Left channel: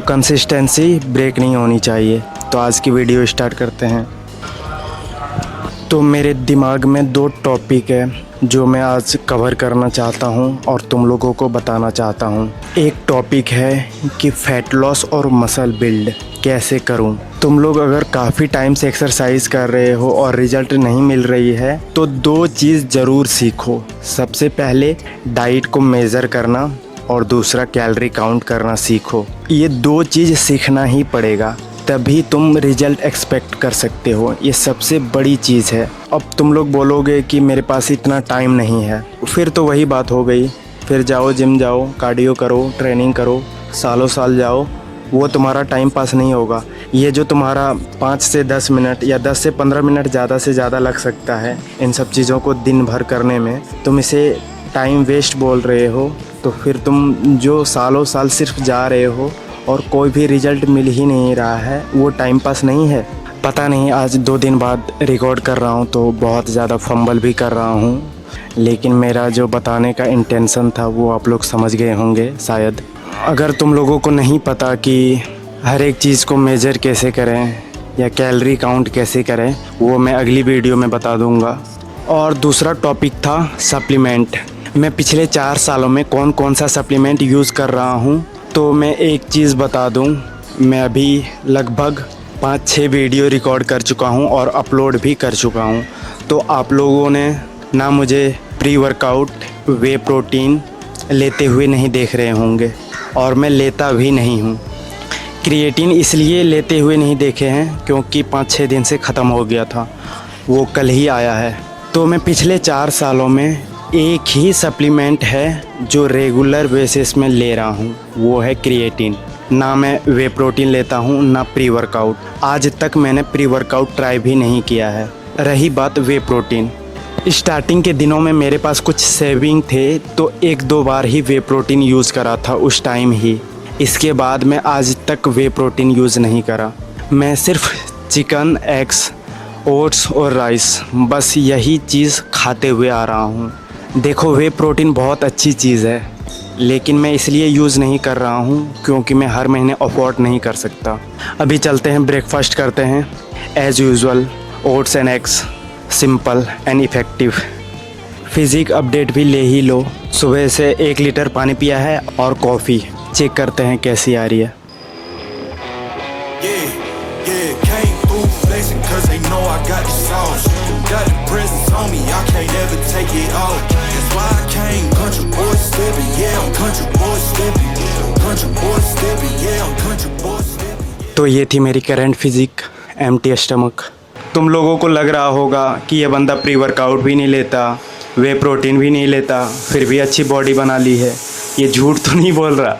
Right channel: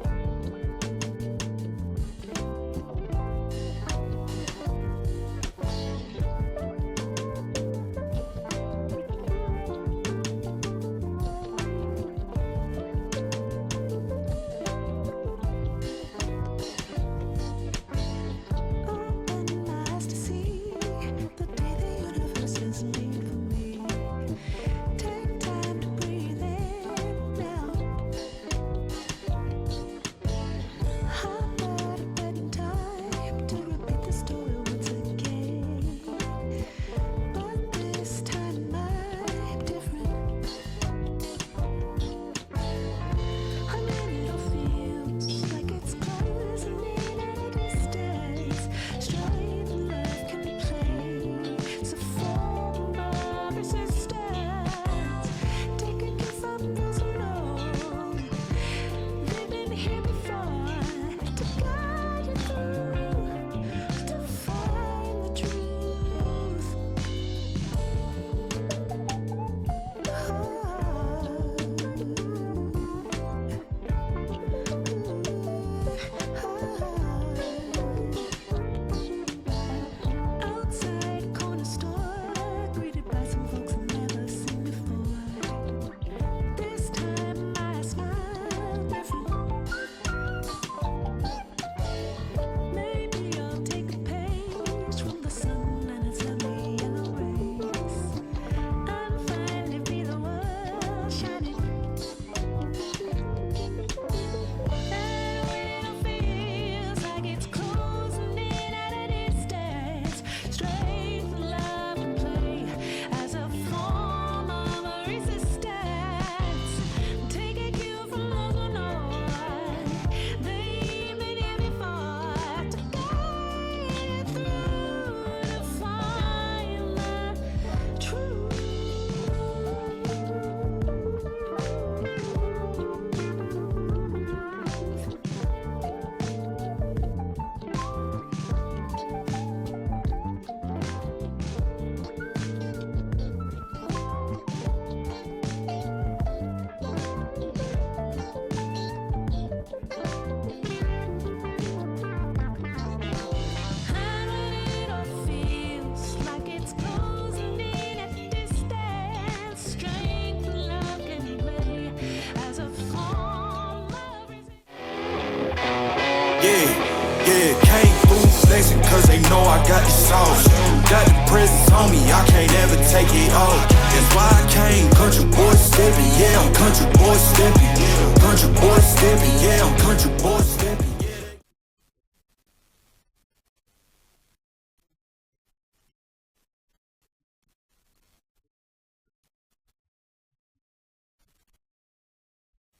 तो consistency break नहीं होनी चाहिए। तो आज की वीडियो स्टार्ट करते हैं। तो मेरे दिमाग में दो टॉपिक है जो मैं आज कवर करना चाहता हूं और तुम लोगों को बताना चाहता हूं। एक टॉपिक है कि फ़ैट लॉस और मसल बिल्ड कैसे करूं। तुम लोग अगर काफ़ी टाइम से एक्सरसाइज कर रहे हो और रिजल्ट नहीं मिल रही है तो दो चीज़ ज़रूर सीखो। सबसे पहले डाइट को मेज़र करना और दूसरा कैलोरी काउंट करना सीखो। ये दो चीज़ सीखना ही पड़ेगा, तभी तुम रिजल्ट एक्सपेक्ट कर सकते हो। ये सबसे बड़ी चीज़ है। अब तुम लोग बोलोगे कि मेरे पास इतना टाइम नहीं है, फिर तो वही बात हो गई। फिर जाओ जिम जाओ, कार्डियो करो, ट्रेनिंग करो, सालों साल जाओ, वो तुम्हारा टाइम पास नहीं होगा। ये जो तुम्हारा 5 से 10 मिनट या 10 से 15 मिनट ज़्यादा से ज़्यादा लग सकता है इन सब चीज़ों को दिन भर करने में, तुम इसे टाइम वेस्ट बोल रहे हो। तो फिर तुम जो सालों साल सिर्फ जा रहे हो और कोई भी रिज़ल्ट मिल ही नहीं रहा है, वो टाइम पास नहीं है। पता नहीं, आज 2 दिन बाद रिकॉर्ड कर रहा हूँ तो बहुत ज़्यादा फंबल भी कर रहा हूँ, लेकिन मेरा जो बताने का इंटेंशन था वो आप लोग समझ गए होंगे शायद। अगर तुम लोगों को नहीं पता कि हर एक चीज़ को मेजर कैसे करें या कैलोरी काउंट कैसे करें, वो मैं अगली वीडियो में बता दूँगा। और दूसरा टॉपिक था सप्लीमेंट। मैं पिछले 4 सालों में कौन कौन सा सप्लीमेंट यूज़ कर रहा हूँ। तो मैं एक चीज़ बता दूँ, मैं अभी लगभग 5-6 वीडियो रिकॉर्ड कर चुका हूँ और अपलोड भी कर चुका हूँ। तो आप लोगों ने ना मुझे प्री वर्कआउट वे प्रोटीन लेते हुए नहीं देख रहे होंगे, और मैं लेता भी नहीं हूँ। क्रिएटिन इसलिए लेते हुए नहीं देखे हैं क्योंकि 5-6 दिन से ख़त्म हो गया था, वो कल ही आया है। तो मैं पिछले 4 सालों में एक ही सप्लीमेंट है जो रेगुलर बेसिस में ले रहा हूँ, वो है क्रिएटिन। ना मैं वे प्रोटीन लेता हूँ ना प्री वर्कआउट। आज तक मैंने प्री वर्कआउट ट्राई भी नहीं किया है। रही बात वे प्रोटीन, स्टार्टिंग के दिनों में मेरे पास कुछ सेविंग थे तो 1-2 बार ही वे प्रोटीन यूज़ करा था उस टाइम ही। इसके बाद मैं आज तक वे प्रोटीन यूज़ नहीं करा। मैं सिर्फ चिकन, एग्स, ओट्स और राइस, बस यही चीज़ खाते हुए आ रहा हूँ। देखो, वे प्रोटीन बहुत अच्छी चीज़ है, लेकिन मैं इसलिए यूज़ नहीं कर रहा हूँ क्योंकि मैं हर महीने अफोर्ड नहीं कर सकता। अभी चलते हैं, ब्रेकफास्ट करते हैं। As usual oats and eggs, simple and effective. Physique update भी ले ही लो। सुबह से 1 लीटर पानी पिया है और कॉफ़ी। चेक करते हैं कैसी आ रही है। Came through flexing cause they know I got the sauce. Got the presents on me, I can't ever take it off. That's why I came country boy stepping, yeah, I'm country boy stepping. Country boy stepping, yeah, I'm country boy stepping. तो ये थी मेरी current physique, empty stomach. तुम लोगों को लग रहा होगा कि ये बंदा प्री वर्कआउट भी नहीं लेता, वे प्रोटीन भी नहीं लेता, फिर भी अच्छी बॉडी बना ली है। ये झूठ तो नहीं बोल रहा।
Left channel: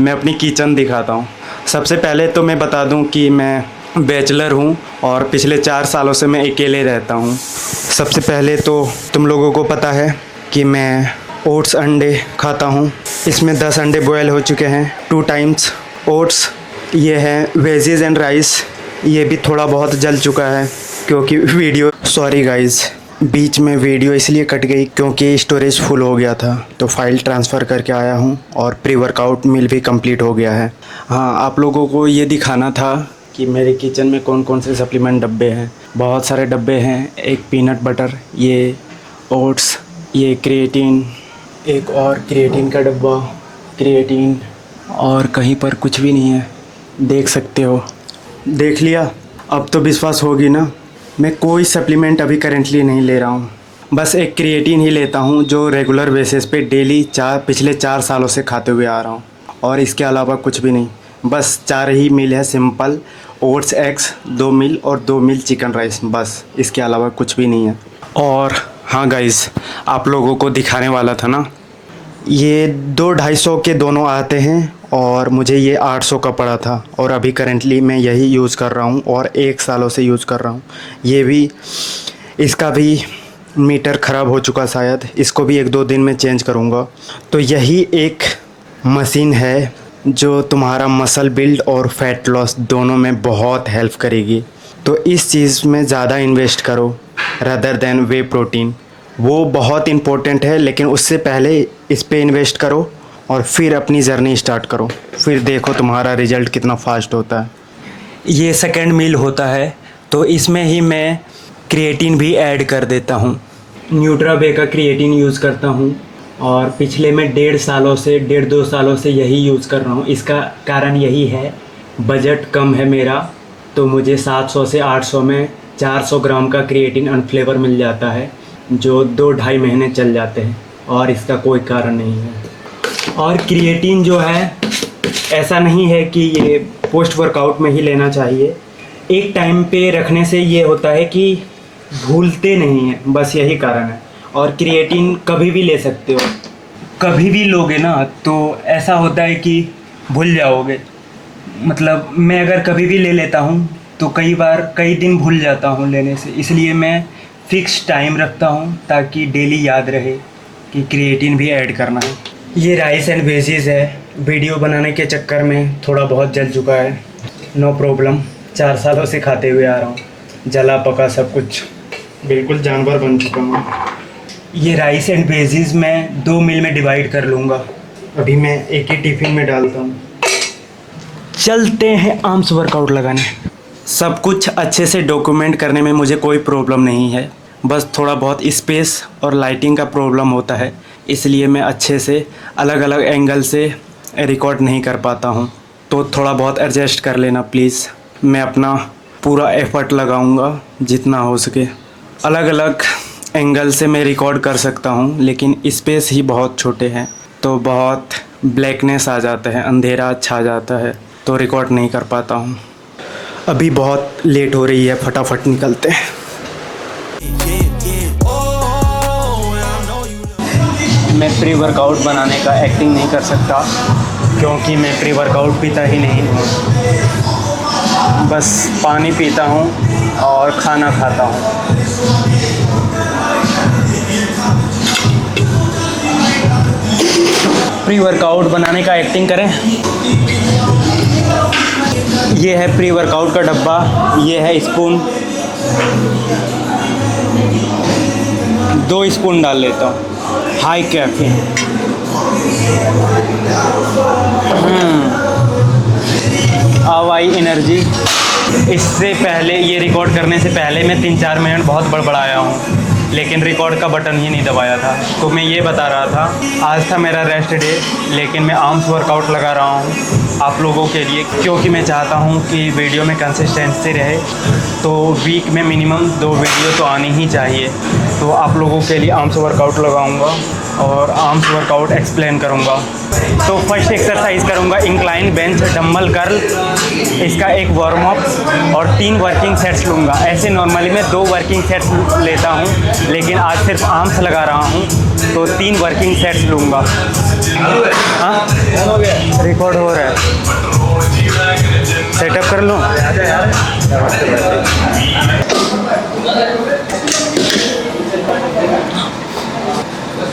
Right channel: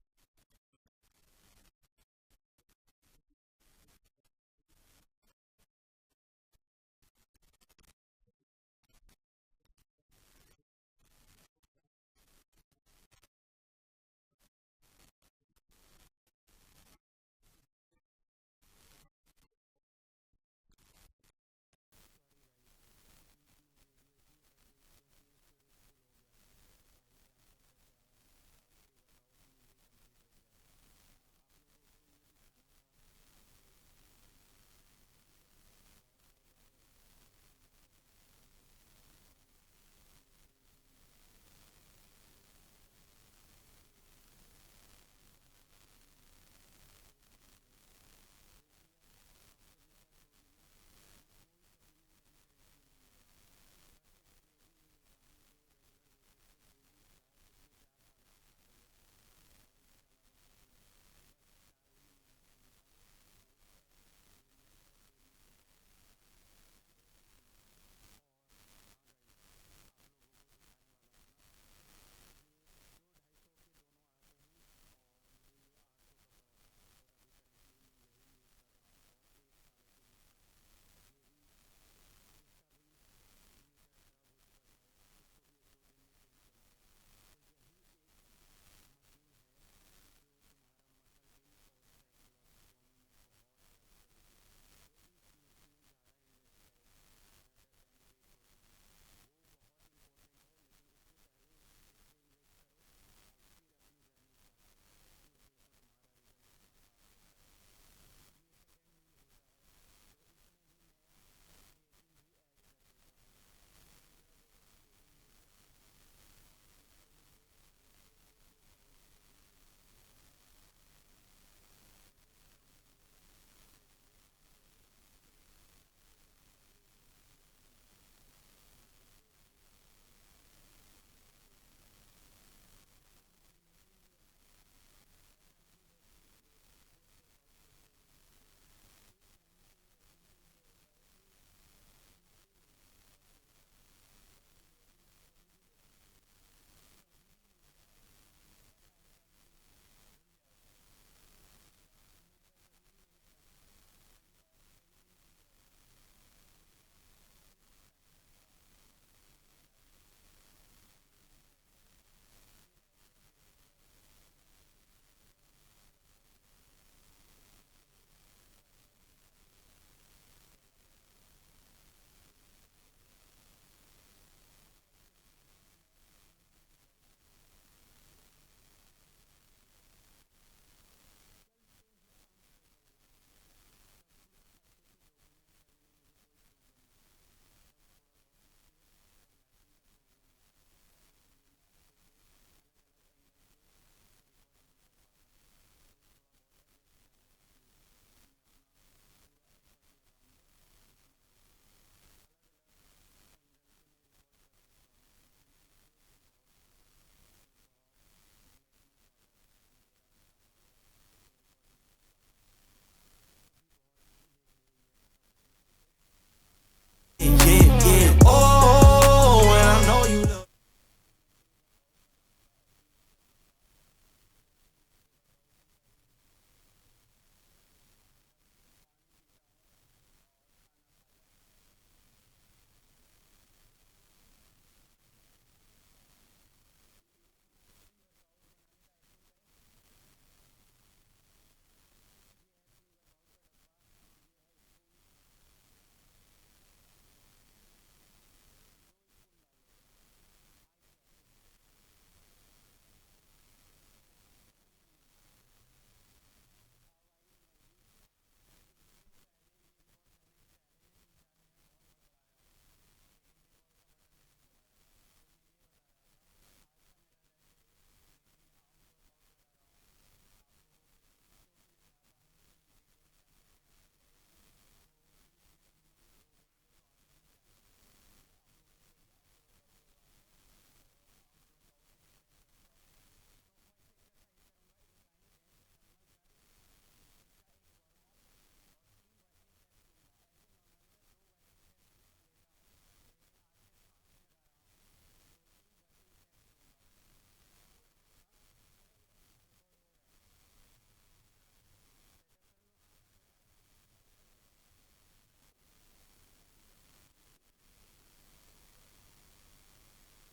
मैं अपनी किचन दिखाता हूँ। सबसे पहले तो मैं बता दूँ कि मैं बैचलर हूँ और पिछले 4 सालों से मैं अकेले रहता हूँ। सबसे पहले तो तुम लोगों को पता है कि मैं ओट्स अंडे खाता हूँ। इसमें 10 अंडे बॉयल हो चुके हैं 2 टाइम्स। ओट्स ये है वेजीज एंड राइस, ये भी थोड़ा बहुत जल चुका है क्योंकि वीडियो, सॉरी गाइज़, बीच में वीडियो इसलिए कट गई क्योंकि स्टोरेज फुल हो गया था, तो फाइल ट्रांसफ़र करके आया हूँ। और प्री वर्कआउट मील भी कंप्लीट हो गया है। हाँ, आप लोगों को ये दिखाना था कि मेरे किचन में कौन कौन से सप्लीमेंट डब्बे हैं। बहुत सारे डब्बे हैं। एक पीनट बटर, ये ओट्स, ये क्रिएटिन, एक और क्रिएटिन का डब्बा, क्रिएटिन, और कहीं पर कुछ भी नहीं है, देख सकते हो। देख लिया? अब तो विश्वास होगी ना। मैं कोई सप्लीमेंट अभी करेंटली नहीं ले रहा हूँ, बस एक क्रिएटिन ही लेता हूँ जो रेगुलर बेसिस पे डेली पिछले 4 सालों से खाते हुए आ रहा हूँ, और इसके अलावा कुछ भी नहीं। बस 4 ही मील है सिंपल, ओट्स एग्स 2 मील और 2 मील चिकन राइस, बस इसके अलावा कुछ भी नहीं है। और हाँ गाइज़, आप लोगों को दिखाने वाला था ना, ये 2-250 के दोनों आते हैं और मुझे ये 800 का पड़ा था, और अभी करेंटली मैं यही यूज़ कर रहा हूँ और 1 सालों से यूज़ कर रहा हूँ। ये भी, इसका भी मीटर ख़राब हो चुका शायद, इसको भी 1-2 दिन में चेंज करूँगा। तो यही एक मशीन है जो तुम्हारा मसल बिल्ड और फैट लॉस दोनों में बहुत हेल्प करेगी। तो इस चीज़ में ज़्यादा इन्वेस्ट करो रदर देन वे प्रोटीन। वो बहुत इम्पोर्टेंट है, लेकिन उससे पहले इस पे इन्वेस्ट करो और फिर अपनी जर्नी स्टार्ट करो। फिर देखो तुम्हारा रिजल्ट कितना फास्ट होता है। ये सेकंड मील होता है, तो इसमें ही मैं क्रिएटिन भी ऐड कर देता हूँ। न्यूट्राबे का क्रिएटिन यूज़ करता हूँ और पिछले मैं 1.5 सालों से यही यूज़ कर रहा हूँ। इसका कारण यही है, बजट कम है मेरा, तो मुझे 700 से 800 में 400 ग्राम का क्रिएटिन अनफ्लेवर मिल जाता है, जो 2-2.5 महीने चल जाते हैं और इसका कोई कारण नहीं है। और क्रिएटिन जो है, ऐसा नहीं है कि ये पोस्ट वर्कआउट में ही लेना चाहिए। एक टाइम पे रखने से ये होता है कि भूलते नहीं हैं, बस यही कारण है। और क्रिएटिन कभी भी ले सकते हो, कभी भी लोगे ना तो ऐसा होता है कि भूल जाओगे। मतलब मैं अगर कभी भी ले लेता हूँ तो कई दिन भूल जाता हूँ लेने से, इसलिए मैं फ़िक्स टाइम रखता हूँ ताकि डेली याद रहे कि क्रिएटिन भी ऐड करना है। ये राइस एंड वेजीज है, वीडियो बनाने के चक्कर में थोड़ा बहुत जल चुका है, नो प्रॉब्लम। 4 सालों से खाते हुए आ रहा हूँ, जला पका सब कुछ, बिल्कुल जानवर बन चुका हूँ। ये राइस एंड वेजीज मैं 2 मील में डिवाइड कर लूँगा। अभी मैं एक ही टिफ़िन में डालता हूँ। चलते हैं आर्म्स वर्कआउट लगाने। सब कुछ अच्छे से डॉक्यूमेंट करने में मुझे कोई प्रॉब्लम नहीं है, बस थोड़ा बहुत स्पेस और लाइटिंग का प्रॉब्लम होता है, इसलिए मैं अच्छे से अलग अलग एंगल से रिकॉर्ड नहीं कर पाता हूँ, तो थोड़ा बहुत एडजस्ट कर लेना प्लीज़। मैं अपना पूरा एफ़र्ट लगाऊंगा जितना हो सके। अलग अलग एंगल से मैं रिकॉर्ड कर सकता हूँ, लेकिन स्पेस ही बहुत छोटे हैं, तो बहुत ब्लैकनेस आ जाता है, अंधेरा छा जाता है, तो रिकॉर्ड नहीं कर पाता हूँ। अभी बहुत लेट हो रही है, फटाफट निकलते हैं। मैं प्री वर्कआउट बनाने का एक्टिंग नहीं कर सकता, क्योंकि मैं प्री वर्कआउट पीता ही नहीं हूँ, बस पानी पीता हूँ और खाना खाता हूँ। प्री वर्कआउट बनाने का एक्टिंग करें। ये है प्री वर्कआउट का डब्बा, ये है स्पून, 2 स्पून डाल लेता हूँ। हाई कैफीन, आवाई एनर्जी। इससे पहले, ये रिकॉर्ड करने से पहले मैं 3-4 मिनट बहुत बड़बड़ाया हूँ, लेकिन रिकॉर्ड का बटन ही नहीं दबाया था। तो मैं ये बता रहा था, आज था मेरा रेस्ट डे, लेकिन मैं आर्म्स वर्कआउट लगा रहा हूँ आप लोगों के लिए, क्योंकि मैं चाहता हूँ कि वीडियो में कंसिस्टेंसी रहे। तो वीक में मिनिमम 2 वीडियो तो आनी ही चाहिए। तो आप लोगों के लिए आर्म्स वर्कआउट लगाऊंगा और आर्म्स वर्कआउट एक्सप्लेन करूंगा। तो फर्स्ट एक्सरसाइज करूंगा इंक्लाइन बेंच डंबल कर्ल, इसका एक वार्म अप और 3 वर्किंग सेट्स लूँगा। ऐसे नॉर्मली मैं 2 वर्किंग सेट्स लेता हूँ, लेकिन आज सिर्फ आर्म्स लगा रहा हूँ, तो 3 वर्किंग सेट्स लूँगा। हाँ, रिकॉर्ड हो रहा है, सेटअप कर लूँ।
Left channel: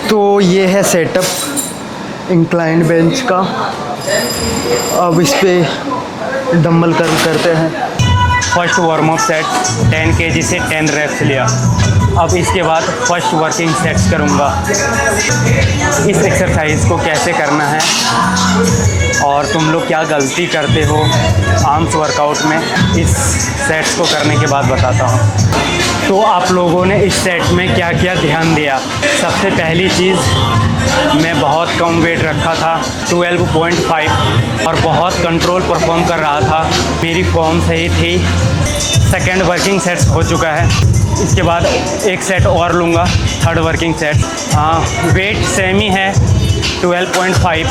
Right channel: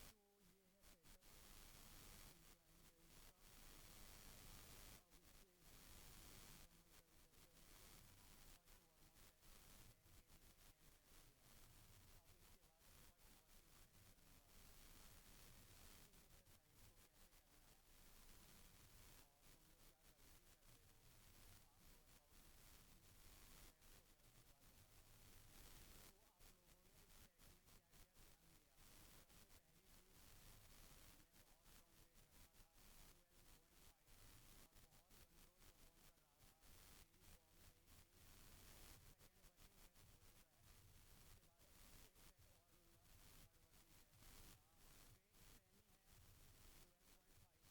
तो ये है सेटअप इंक्लाइंड बेंच का। अब इस पे डंबल कर्ल करते हैं। First warm up set 10 kg से 10 रेप्स लिया। अब इसके बाद फर्स्ट वर्किंग सेट्स करूँगा। इस एक्सरसाइज को कैसे करना है और तुम लोग क्या गलती करते हो आर्म्स वर्कआउट में, इस सेट्स को करने के बाद बताता हूँ। तो आप लोगों ने इस सेट में क्या क्या ध्यान दिया। सबसे पहली चीज़, मैं बहुत कम वेट रखा था, 12.5, और बहुत कंट्रोल परफॉर्म कर रहा था, मेरी फॉर्म सही थी। सेकंड वर्किंग सेट्स हो चुका है। इसके बाद एक सेट और लूँगा, थर्ड वर्किंग सेट। हाँ, वेट सेम ही है, 12.5।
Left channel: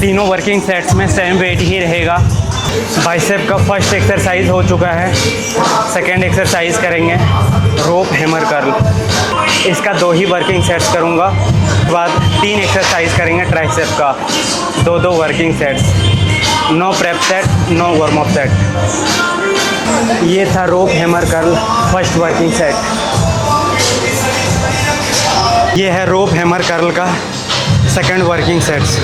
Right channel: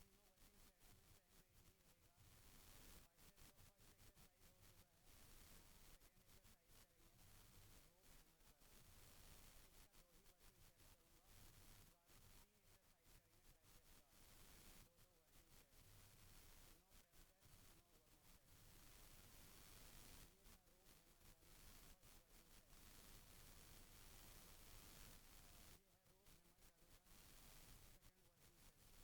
तीनों वर्किंग सेट्स में सेम वेट ही रहेगा। बाइसेप का फर्स्ट एक्सरसाइज हो चुका है। सेकंड एक्सरसाइज करेंगे रोप हैमर कर्ल, इसका 2 ही वर्किंग सेट्स करूँगा। उसके बाद 3 एक्सरसाइज करेंगे ट्राइसेप का, 2 working sets, no prep set, no warm up set. ये था rope hammer curl first working set. ये है रोप हैमर कर्ल का सेकंड वर्किंग सेट्स।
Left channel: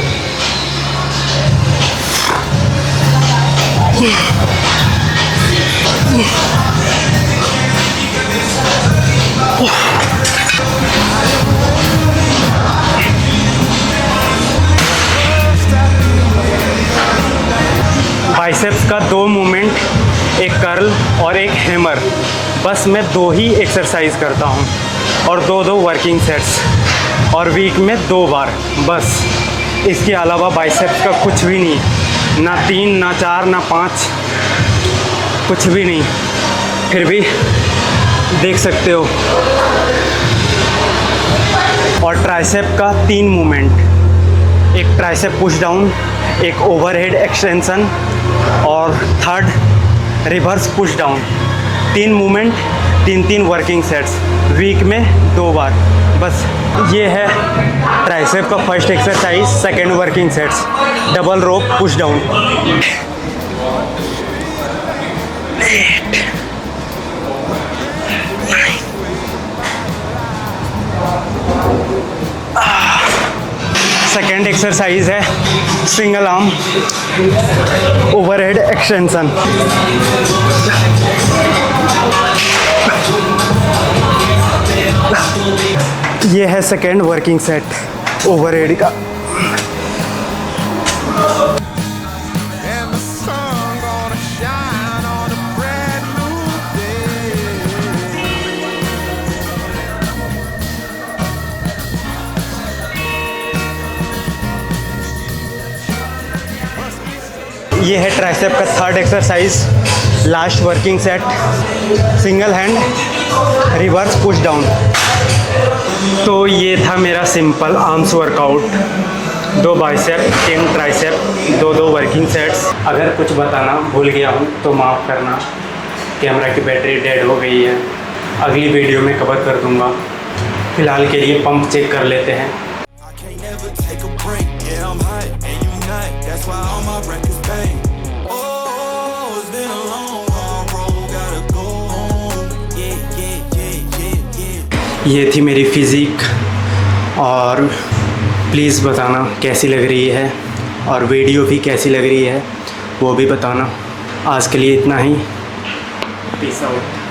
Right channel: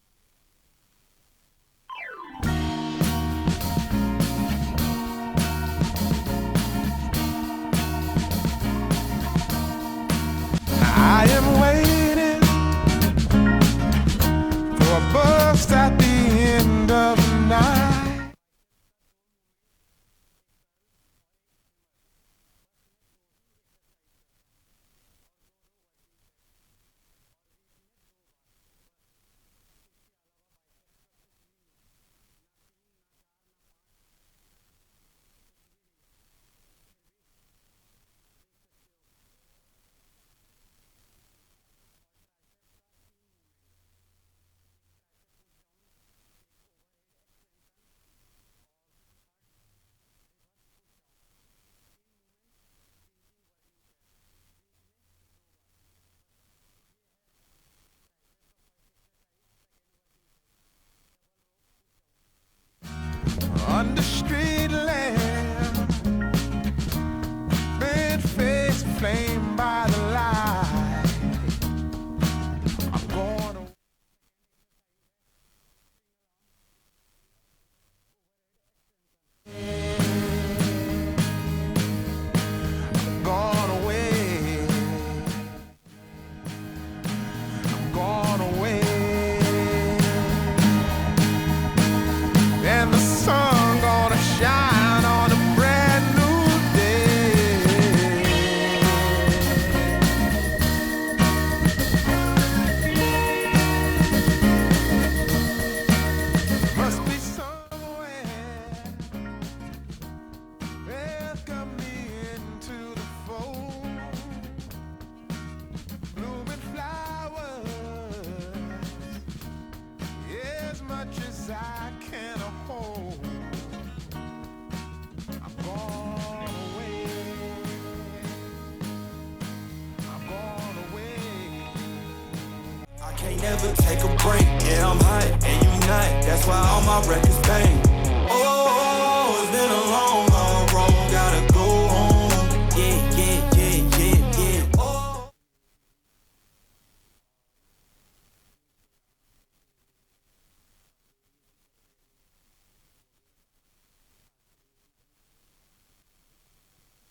कर्ल और एक हैमर, बस मैं 2 ही एक्सरसाइज करता हूँ और 2 वर्किंग सेट्स और वीक में 2 बार बस। इसके अलावा बाइसेप्स का कुछ भी नहीं, ना 3 ना 4 ना 5, कुछ भी नहीं। फिर भी देख सकते हो। और ट्राइसेप का 3 मूवमेंट, एक ट्राइसेप पुश डाउन, एक ओवरहेड एक्सटेंशन और third reverse push down. 3 movement, 3 working sets, week में 2 बार बस। ये है ट्राइसेप का first exercise, second working sets, double rope push down. Second exercise है सिंगल आर्म ओवरहेड एक्सटेंशन। ये है सेकेंड वर्किंग सेट ओवरहेड का। And the sun gonna shine on a brand new day. Must be some ये है tricep का third exercise, last working set, single hand reverse push down. तो ये था मेरा simple arms workout, 2 bicep, 3 tricep, 2 working sets. अगर कुछ बताना भूल गया हूँ तो माफ़ करना। कैमरा की बैटरी डेड हो गई है, अगली वीडियो में कवर कर दूँगा। फ़िलहाल के लिए पंप चेक कर लेते हैं। I can't never take a break. Yeah, I'm hot and you not. That's why all my records bang. Oh, it's been a long, hard road. Gotta go home. Yeah, yeah, yeah, yeah, yeah. ये थी मेरी physique, और please बताना कैसी लग रही है और वीडियो भी कैसी लग रही है, वो भी बताना। आज के लिए इतना ही। Peace out.